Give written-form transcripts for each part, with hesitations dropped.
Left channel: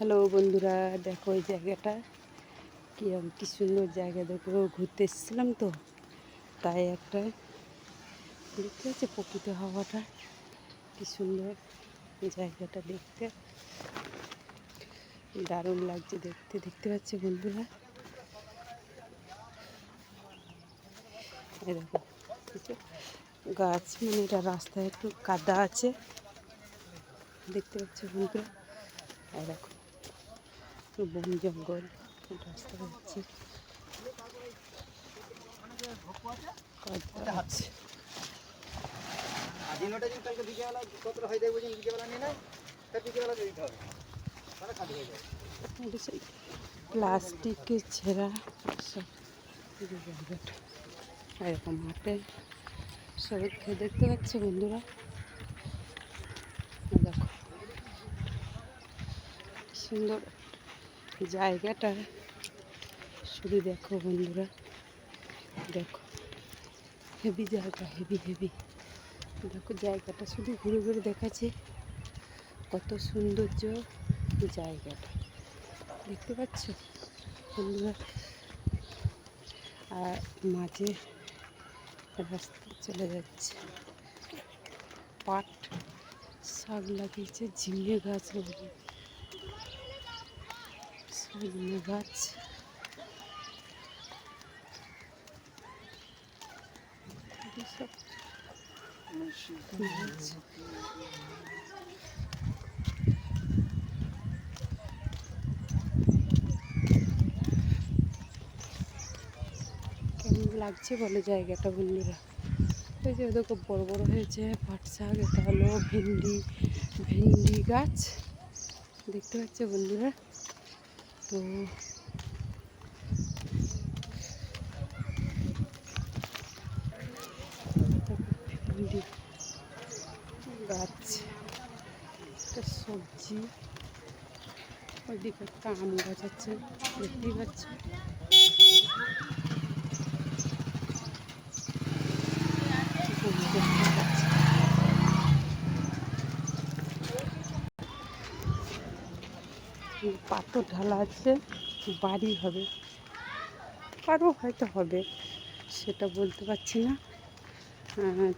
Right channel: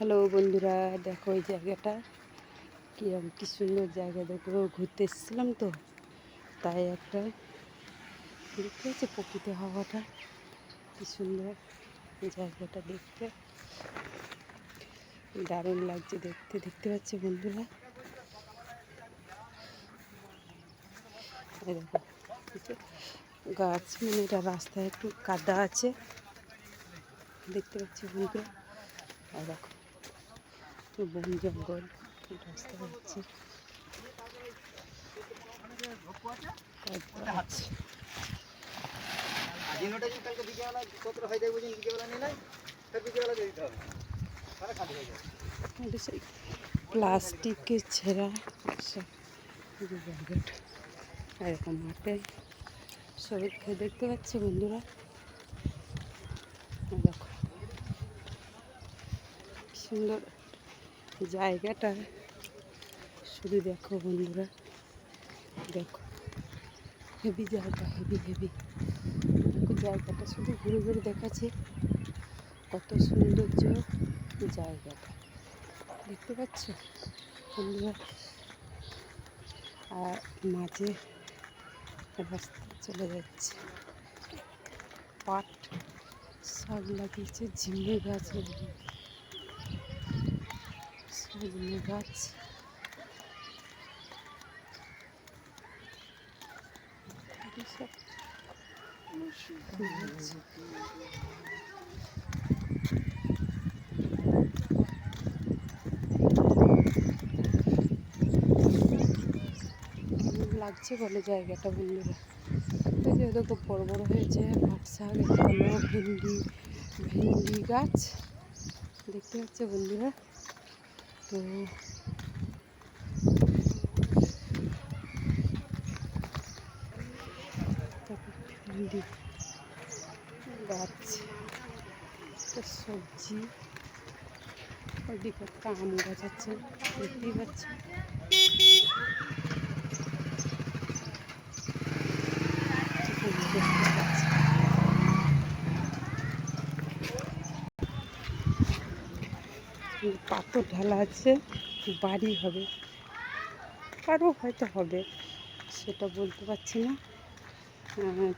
Hello বন্ধুরা, দেখো এই জায়গাটা কি সুন্দর জায়গা। দেখো ঘুরতে এসেছিলাম তো, তাই একটা দেখতে পাচ্ছি প্রকৃতি হাওয়াটা কি সুন্দর। জায়গাটা দেখতে দারুণ লাগছে। দেখতে পাচ্ছি বন্ধুরা, এই দেখো গাছ, মানে এটা রাস্তায় একটু কাদা আছে, দেখতে পাচ্ছি বন্ধুরা। আর দেখো বন জঙ্গল রাস্তা হচ্ছে, কাদা আছে। প্লাস্টিকের ছেঁড়া সব জায়গাটা, এরকম মাঠে সবাই খেয়ে দেখতে পাচ্ছে বন্ধুরা। দেখো সুন্দর জায়গাটা, শুধু দেখো বন্ধুরা, দেখো হেভি জায়গা, হেভি দেখো জায়গাটা, শুধু ঘুরে ঘুরে দেখাচ্ছে কত সৌন্দর্য জায়গাটা, দেখতে পাচ্ছ বন্ধুরা। আর মাঝে রাস্তা চলে যাচ্ছে, পাট শাক লাগিয়েছে, ঝিঙে গাছ লাগিয়েছে, সজনে গাছ, সব কেমন লাগছে বলে জায়গাটা বন্ধুরা। ওই যে দেখো বড় বড় হয়েছে পাট শাক, এটা হলো ভেন্ডি গাছ, দেখতে পাচ্ছ বন্ধুরা। তো ভেন্ডি গাছ, একটা সবজি, ওইদিকে একটা আম গাছ আছে, দেখতেই পাচ্ছ। পাথর ঢালা আছে, বাড়ি হবে, আরও হয়তো হবে, সেটা বলতে পারছি না।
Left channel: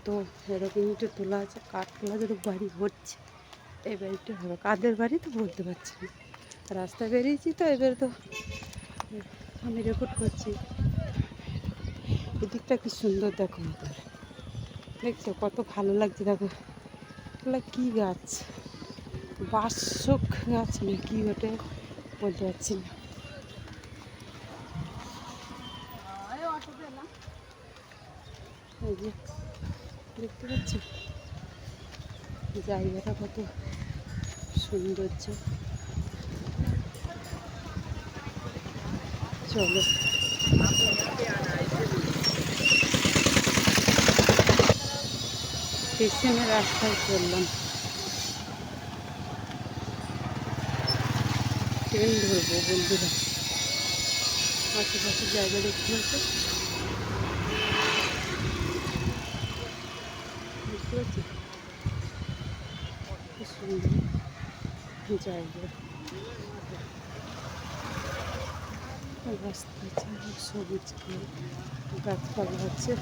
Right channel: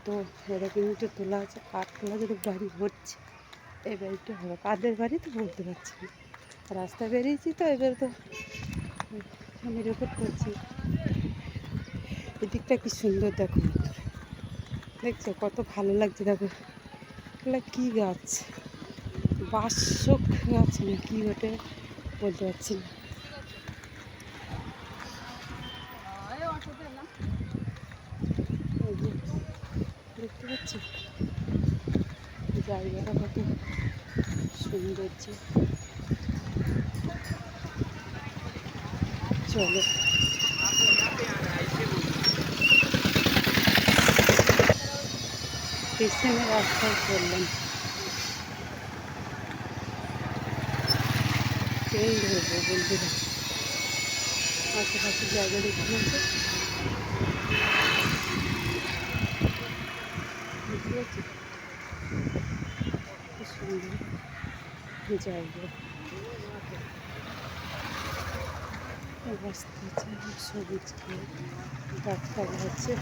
তো এরকম একটু তোলা আছে, কাঠ তোলা, যদি বাড়ি হচ্ছে এই বাড়িটা হবে। কাদের বাড়ি তো বলতে পারছি না, রাস্তায় বেরিয়েছি তো, এবার তো আমি রেকর্ড করছি। এদিকটা কি সুন্দর দেখো বন্ধুরা, দেখছো কত ভালো লাগছে। দেখো এগুলো কী গাছ, বাসক গাছ না কি ওটা বলতে পারছি না। এই যে দেখতে পাচ্ছি জায়গাটা কত সৌন্দর্য। চলো পেছনের রাস্তায় চললাম, ট্রেন ধরবো বন্ধুরা। আশেপাশের জায়গা দেখছিলাম তো, বুঝতে পারছি খুব সুন্দর জায়গা। রাস্তা আছে, সবুজ খেয়ে গাছপালা আছে।